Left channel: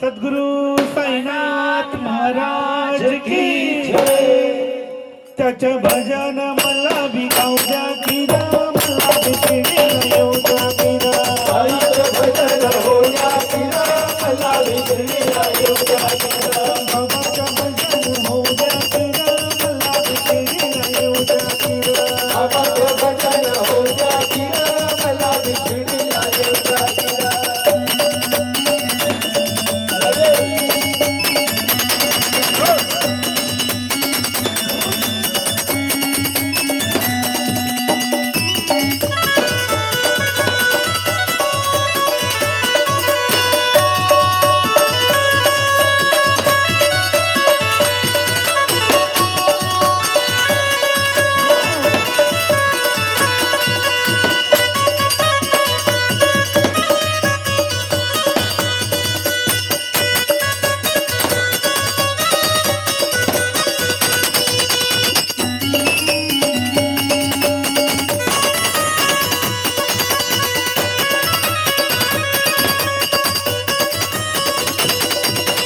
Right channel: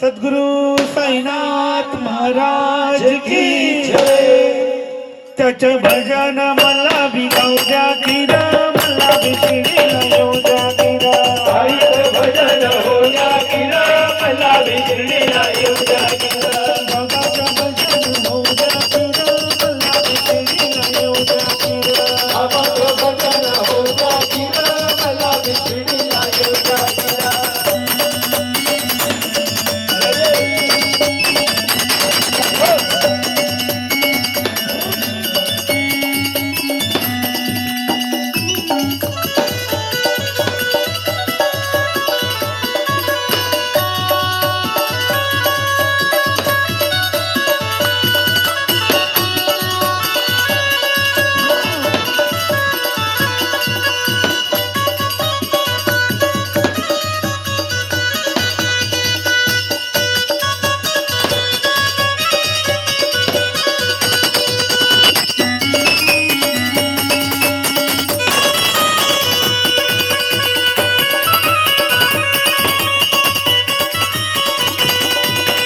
सद्गुरु साईनाथ महाराज की त्याच भजन मला बी द्या मला बी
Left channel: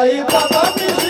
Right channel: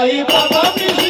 Aí, papai,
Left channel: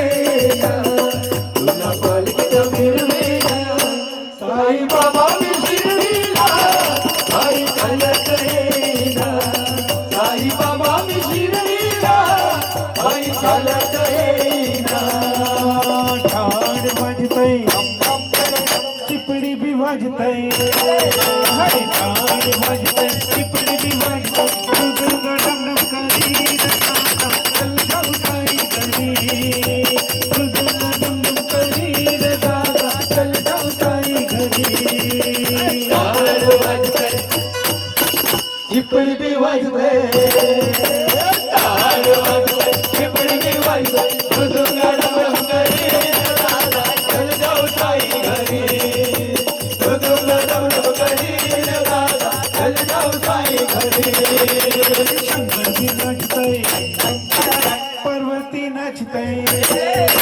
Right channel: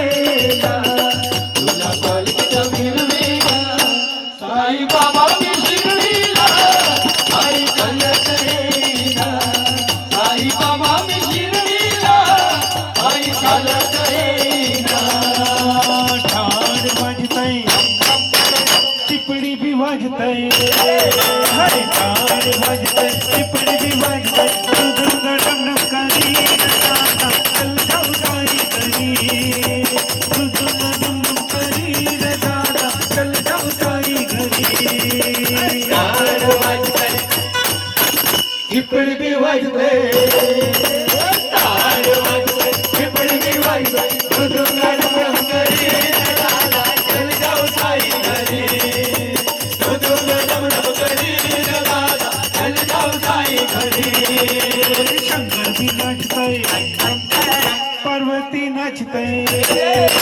It could be wise way. Shankar ji नाचतय Parvati नाचतय.